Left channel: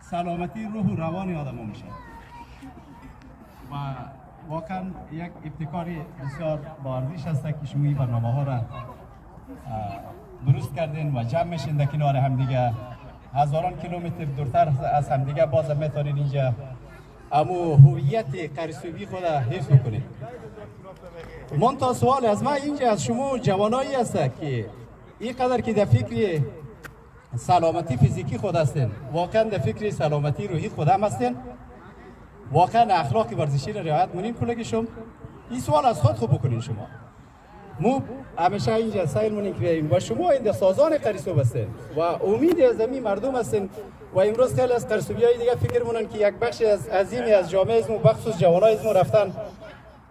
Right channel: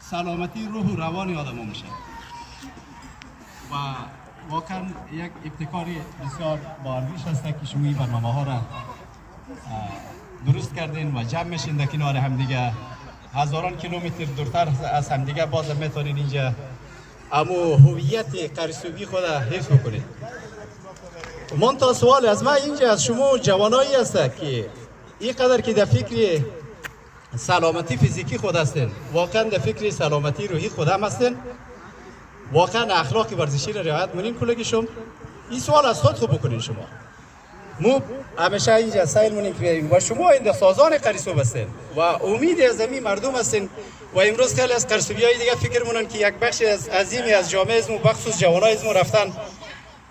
سلامتی روح و روان آدم میشه و واقعا یک ابتکاری بسیار با ارزش است که شما این برنامه ها را درست کردین و جمع میشین در کنار همدیگه. هزاران کیلومتر دورتر از همدیگه باز میتونین اینجا اما هویت قرصوبی خود حفظ بکنید. من تا سوال از من اینجا از شما جوانایی است که اینقدر که در فکر سلامتی فیزیکی خود هستین، واقعا در فکر سلامتی روحی خود هم هستین، واقعا اخلاق ورزشی را رعایت کنین کلگیشون. این سوال از خود خوب بکنین. شما مو همیشه اینجا سایل مونین که بیاییم و شما این سازان قرصوب هستین و امید از زمین مردم هستین و امروز خیلی از قرصوبیای دیگه فکر مونن که یک بخش از عظیمی از جامعه اسمو بخصوص جوانای اسمو رفتن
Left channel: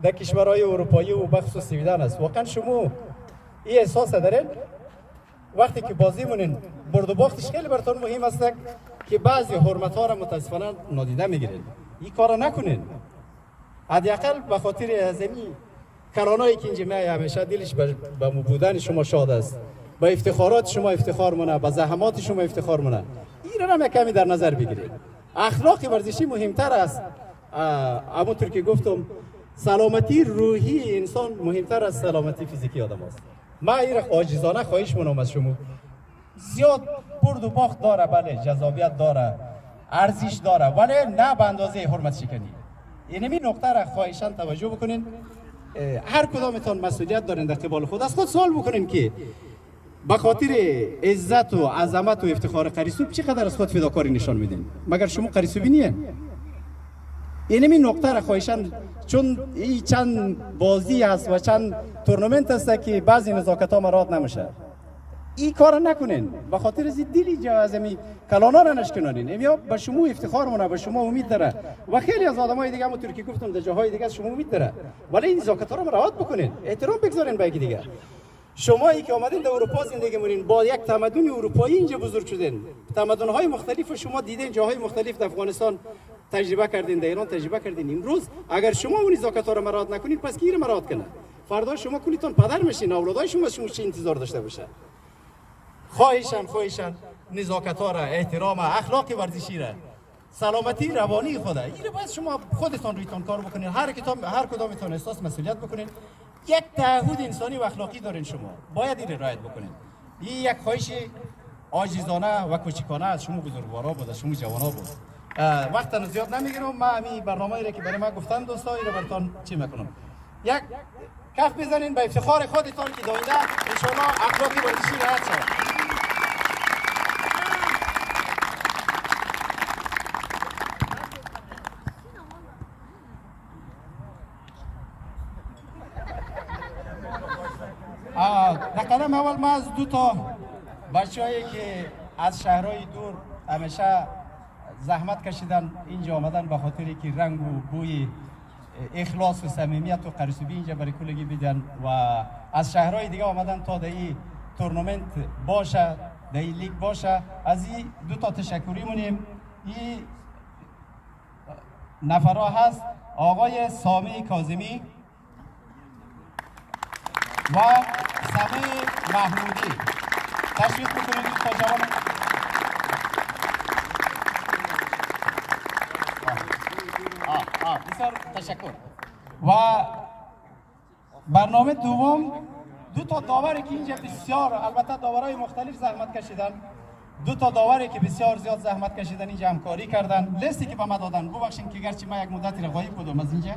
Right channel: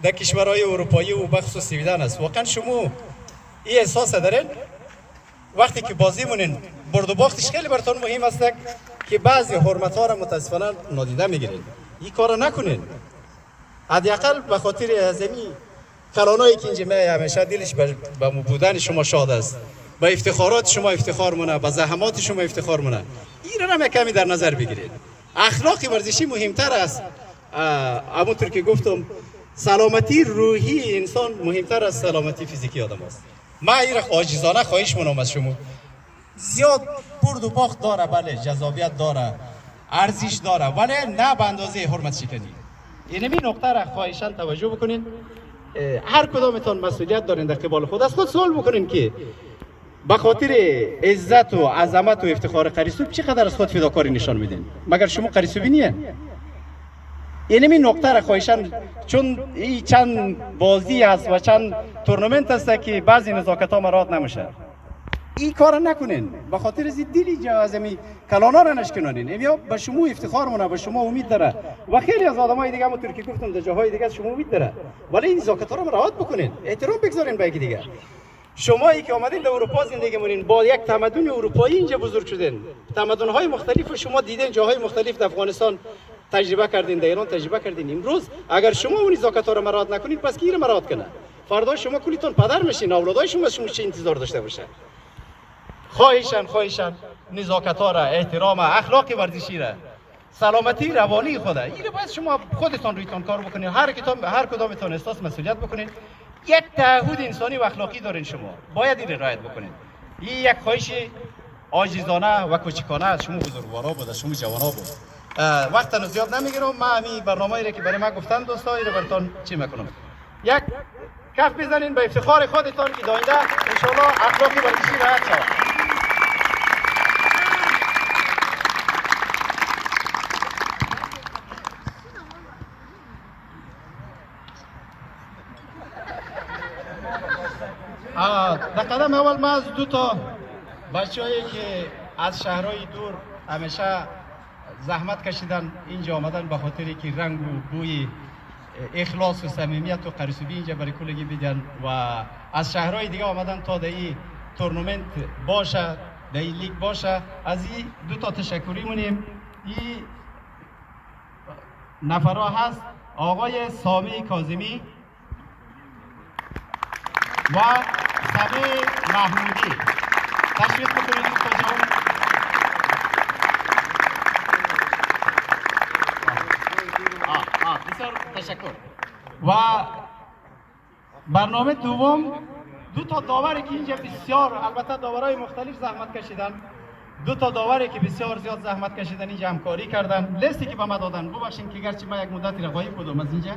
در کشورهای اروپایی و بخصوص سویدن است. واقعا شما این احساس دارین وقتی که بازی مونین برد و باختش خیلی براتون مهم است که بعضی حرمت ها را متاسفانه نادیده میگیرین. این کارا نکنین. حداقل به خاطر ازمی کلانایی که اینجا میای همیشه دلش به بودن شما شاد است، به افتخارات شما افتخار مونه، به زحمات شما افتخار مونه. این را کمی در نظر بگیرید. اخلاق ورزشی مهمتر است. همونطور که گفتم سلامتی روحی انسان مهمتر از سلامتی فیزیکی آدم است. من این را عاجزانه خواهش منم از شما. زیاد برد و باخت داره، بله جذابیت داره، ارزش داره، ولی نه به اندازه حرمت شکنی. اینمی نقطه را خواهشاً توجه بکنین. هر کدامتون مسئولیت دارین در قبال خود. از خود سوال بکنین که به خاطر عزت و عظمت و افتخار قرصوب چقدر از خود فداکاری نشان میدین؟ مگر شما قرصوبی نیین؟ اینمی نقطه را خواهشاً، چون این چند بازی است و چند تورنمنت است که بعضی نزاکت ها مراعات نمیشه. این کار نکنین. به خاطر از دلی جازمی کلانا را نشکنانین. امیا به شما افتخار مونه، به شما امید داره و خیلی از آدمای دیگه همونطور که گفتم در جاهای دیگه شما امید داره. ولی این نزاکت ها رو مراعات بکنین، احترام بگذارین به یکی دیگه. شما ای که آمدین در اروپا زندگی مونین، با یک تمدن اروپایی اینجا بزرگ شدین، تمدن های مختلف شما دیدین، جاهای مختلف در افغانستان تجربه کردین، در ایران تجربه کردین. امروز اگر شما اون نزاکت ها رو مراعات نکنید، پس کی رو مراعات کنه؟ فردا شما کلیتون پدر میشین، اولادای شما چه انتظار داشته باشه؟ خواهشاً نزاکت ها را، احترام، اخلاق ورزشی را، سلامتی روانی خود را، این باید شما خودتان رویتان کار بکنید. هر کدامتان احساس مسئولیت بکنید. یک تعهد انسانی و اخلاقی دارین، شما باید این رعایت بکنید. این یک خواهش عاجزانه و کوچکانه از شما بزرگوارا بود، از شما جوانا بود. وقت زیاد نمیگیرم. من همین برنامه‌ای را که برای من گفتن دوستا این براتون چی میکنم. یک کف بزنین به افتخار خودتان که داینده ان شاء الله اخلاق ورزشی رعایت شود. در قدم اول من از دو تا بچه‌هایی که از شهرهای دور همیشه زحمت کشیدن اینجا آمدن به خاطری که رنگ و بوی اخلاص و صمیمیت و قرصوبی اینجا برای کلگی بدن و از شهرهای دیگه آمدن تا در این تورنمنت باشه، در این لیگ باشه. از این دو تا تشکری مونیم. این نفرها هست آقای سامی کاظمی و سمی محمودی. تشریف بکنید دوستا جوان. بسیار تشکر. و برنامه دوم دو تا داوری که اینجا بسیار، البته داورای مختلف زحمت کشیدن، دو تا داوری که بسیار زیاد زحمت کشیدن اینجا همکاری کردن. لیستی که به ما دادن، ببخشید که گرچه من یک مدتی را غایب بودم از اینجا،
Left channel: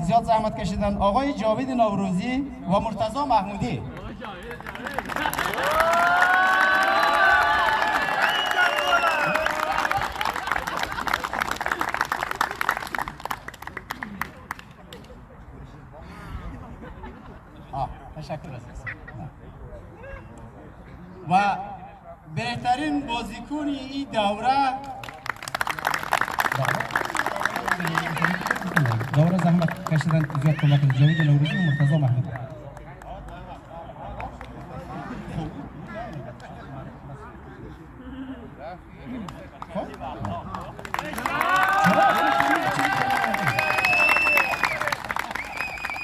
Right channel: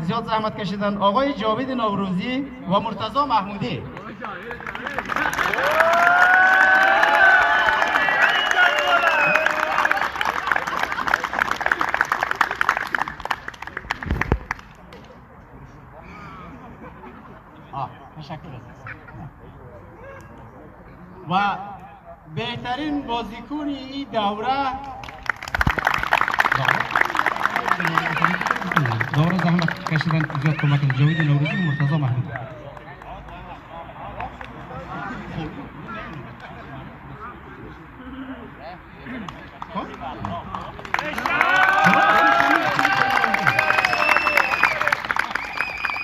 زیاد زحمت کشیدن. آقای جاوید نوروزی و مرتضی محمودی. تشکر عزیز. و بهترین بازیکن این دوره زحمت کشیدن زیاد کمک جاوید نوروزی و مرتضی محمودی.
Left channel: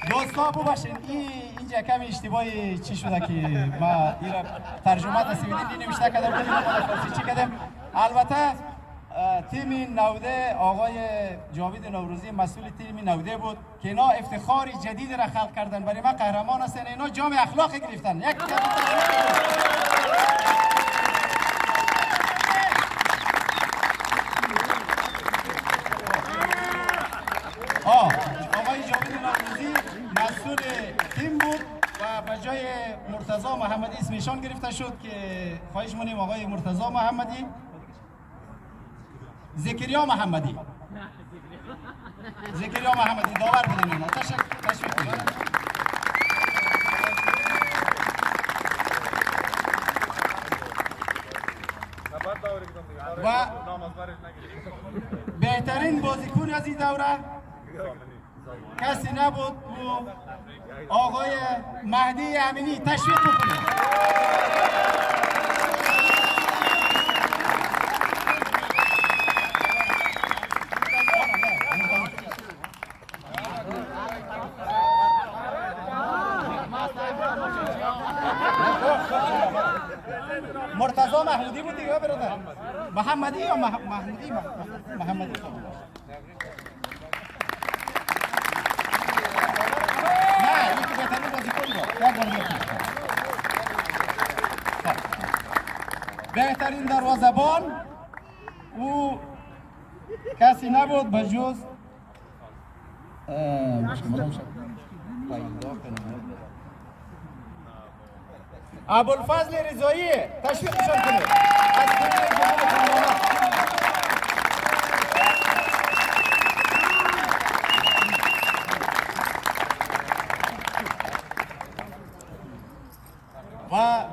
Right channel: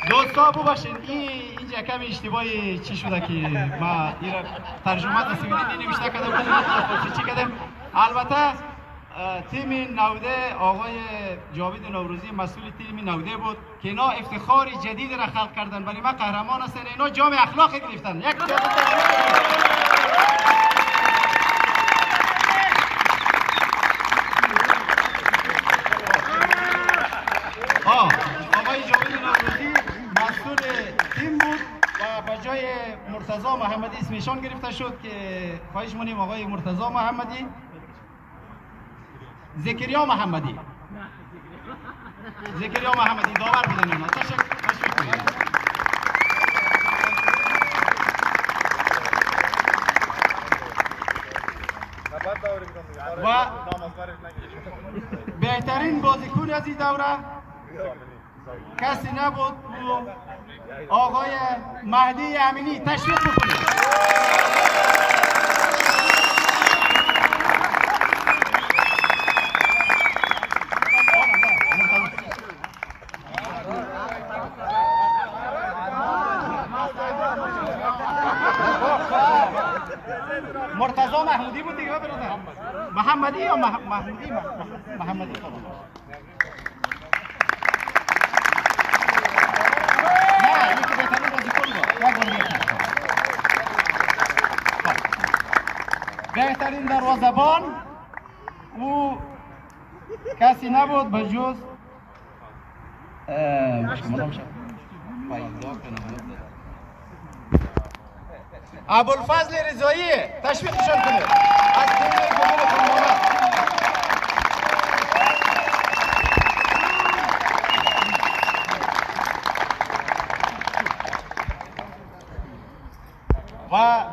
دوستا ببخشید اینجا کمی اشتباهی چی شده که ما این ترجمه تصویری نمیشته کردم، چی کردم البته تیم نوده آقای جاوید نوروزی مسئول تیم نوده بود که اینا افتخار جدید را خلق کردن. برای ما قهرمان هستن. اینا جام اخلاق گرفتن. یک آقای جاوید نوروزی مسئول تیم بود و به جای مرتضی محمدی اسمشان گرفته شد که خواهش می‌کنیم آقای مرتضی محمدی زکریا محمدی داور بودن اینا. تشویق کنید. و بهترین بازیکن از این دوره کسی نبود آقای مهدی امینی. تشویق بکنید. مرتضی محمودی بود دیگه برادر. محمدی یا محمودی؟ محمدی. نه یکی بهترین بازیکن بود. بهترین دروازه‌بان او کسی نبود به جز ابوالفضل رضایی. تشویقشان کنید. از تیم گل‌های خانواده. و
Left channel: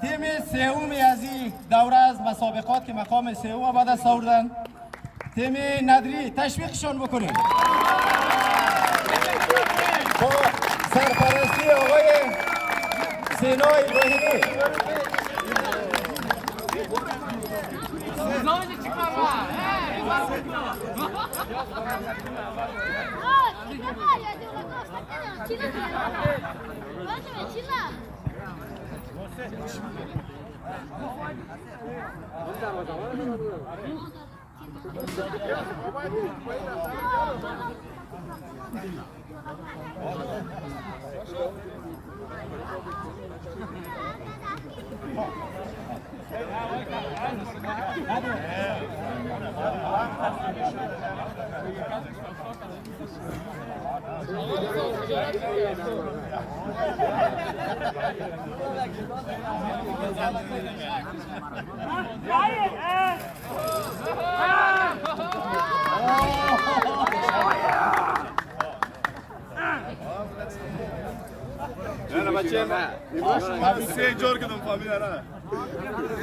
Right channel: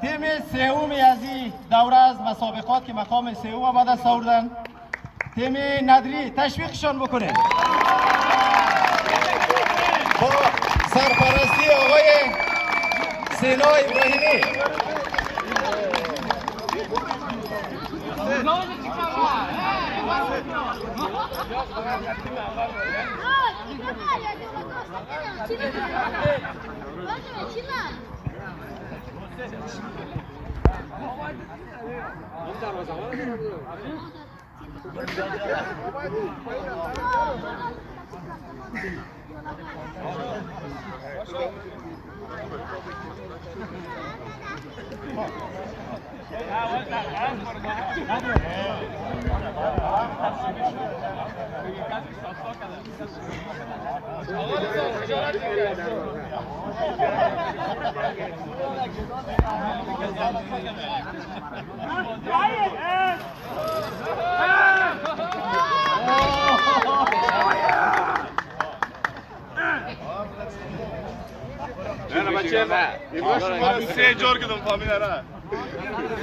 تیم سومی از این دوره از مسابقات که مقام سوم به دست آوردن تیم ندری. تشویقشان بکنید. سرپرستی آقای سینا ابراهیمی.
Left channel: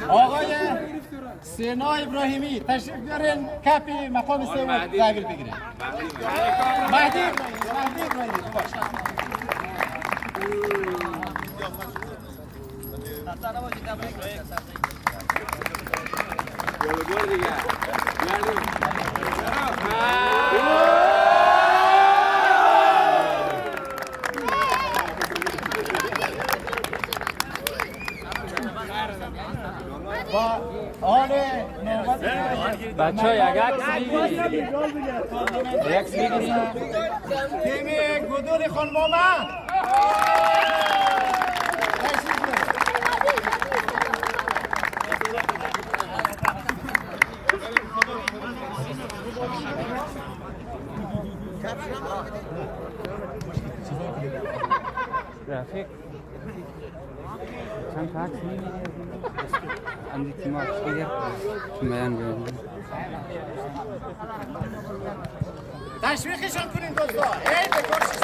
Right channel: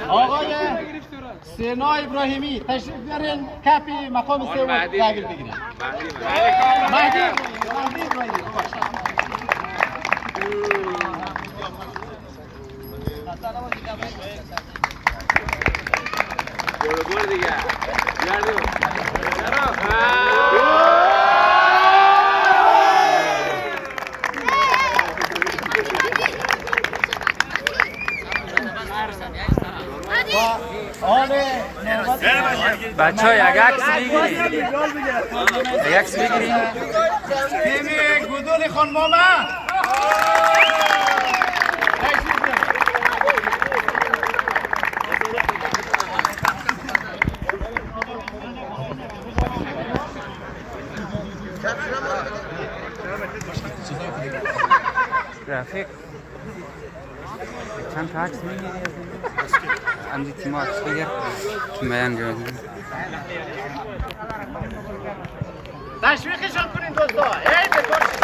آقای سینا ابراهیمی تشریف بیارین کپ مقام سوم تحویل بگیرن. مهدی ابراهیمی بچه ها یک عکس بگیرید. یک عکس بگیرید. تیم گودول خانمامه رفیق چند تا عکس میگیری از این تیم عکس بگیر که بیان جا تشویقشان کنین دوستا. ای بکشش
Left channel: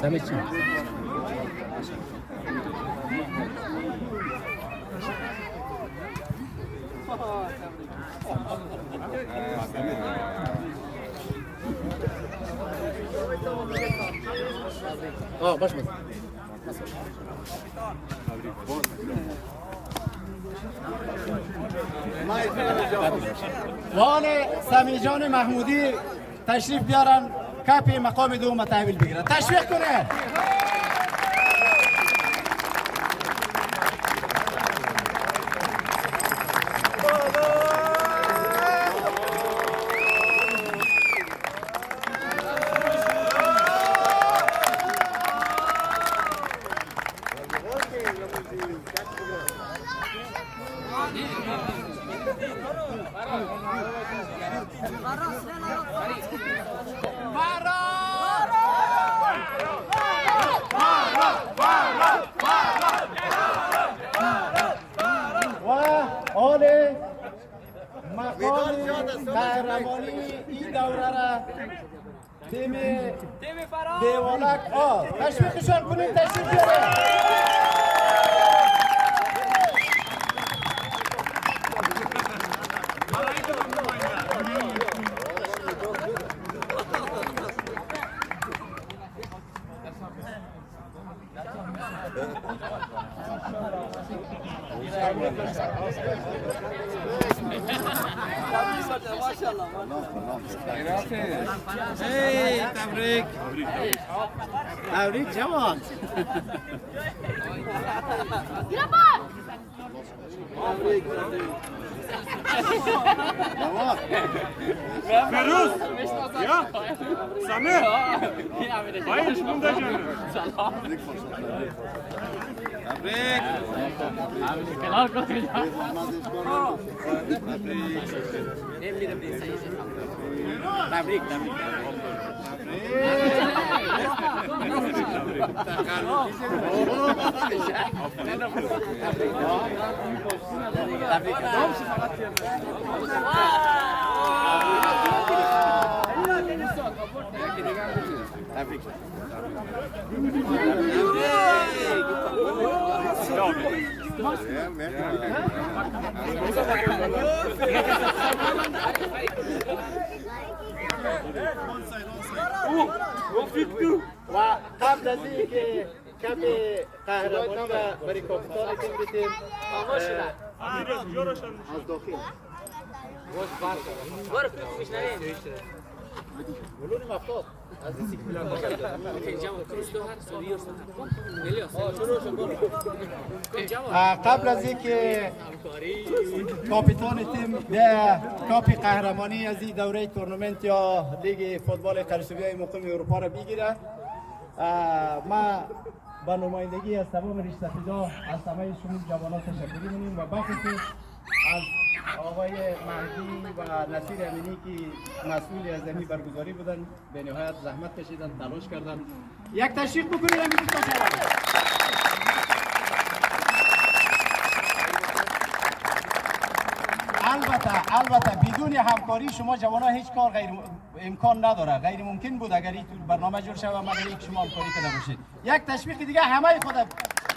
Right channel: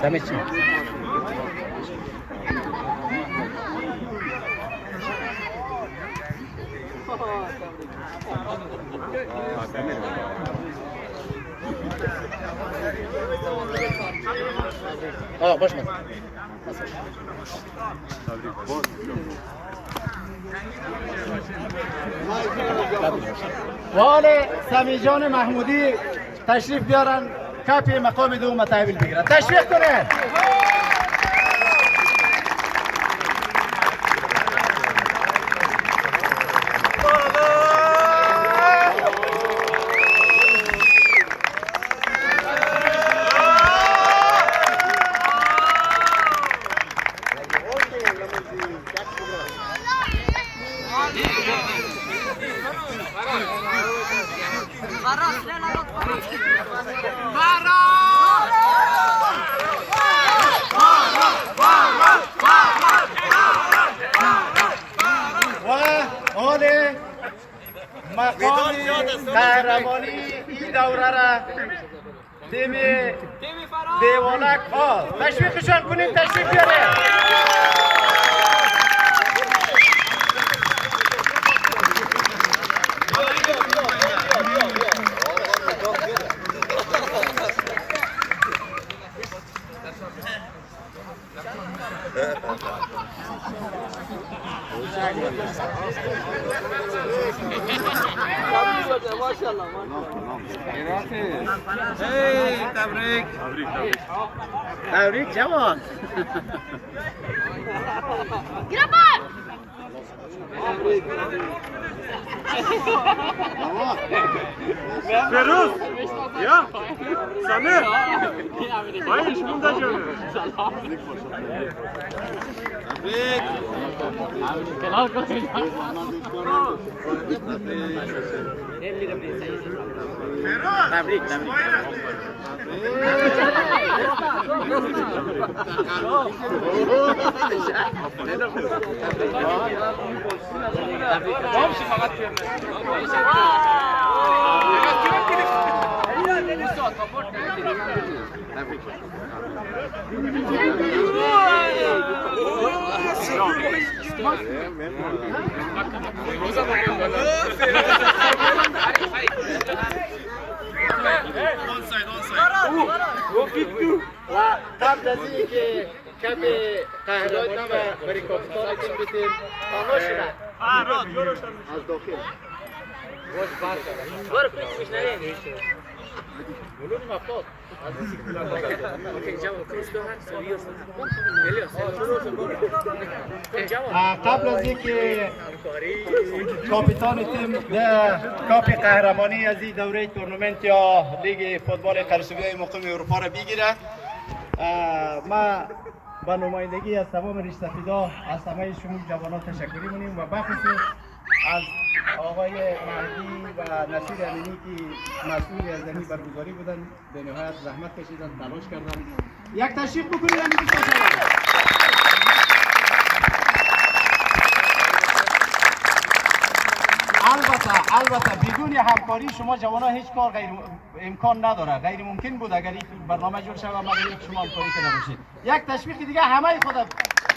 Замечательно. Boş ver. و حال سمیجان محمودی تشریف بیارن کپ مقام دوم تحویل بگیرن. تشویق کنین. مقام قهرمانی این دوره را تیم دیوالک ها تشویقشان کنید. تشویق بیاره. تبریک تبریک جوان. فیروز یا سمیر باید شما دا جمعه تبریک. و قبل از اینکه کپ قهرمانی برای کاپیتان تیم بدیم از داخل قبل از اینکه کاپیتان تیم به کاپ قهرمانی از این دوره تورنمنت یا لیگ فوتبال قرصوبیای مقام اروپا را بگیره، ما با نمایندگی از تمام ریش‌سفیدا از همه شما جوانان تشکر می‌کنیم و بخصوص از آقای مهدی و نصیر امینی که مسئول از این برگزاری بودن، به نهایت زحمت کشیدن، تلاش کردن. یک تشویق بکنید همین دوستان. البته بدون همکاری شما جوانان هیچ کار امکان نداره. غیر ممکن بود اگر این برنامه جور شود مگر یک شما همکاری کنه باشید. یک تشویق دیگه همه خود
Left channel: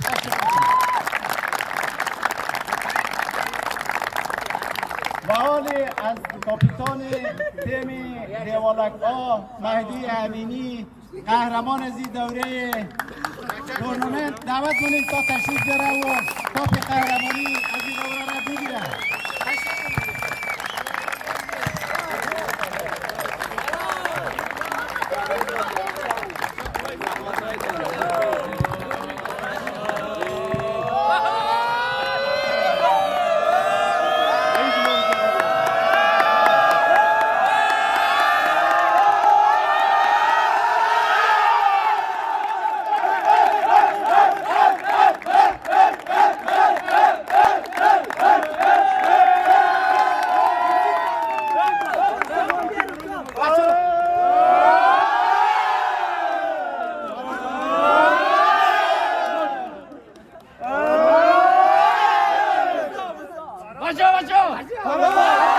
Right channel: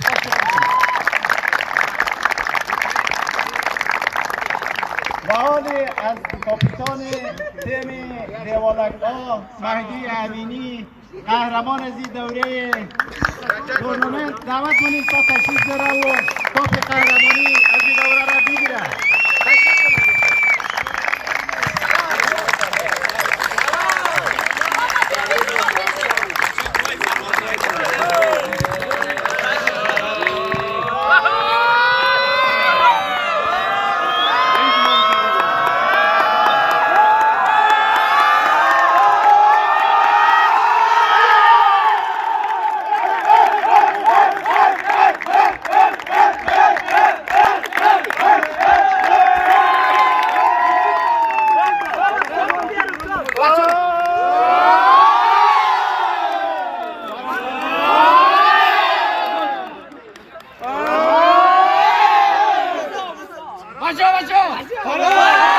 تشویق کنید. و حال از کاپیتان تیم دیوالک‌ها مهدی امینی قهرمان از این دوره تورنمنت دعوت کنید تا تشریف بیاره و کاپ قهرمانی از این دوره را بگیره. Baca!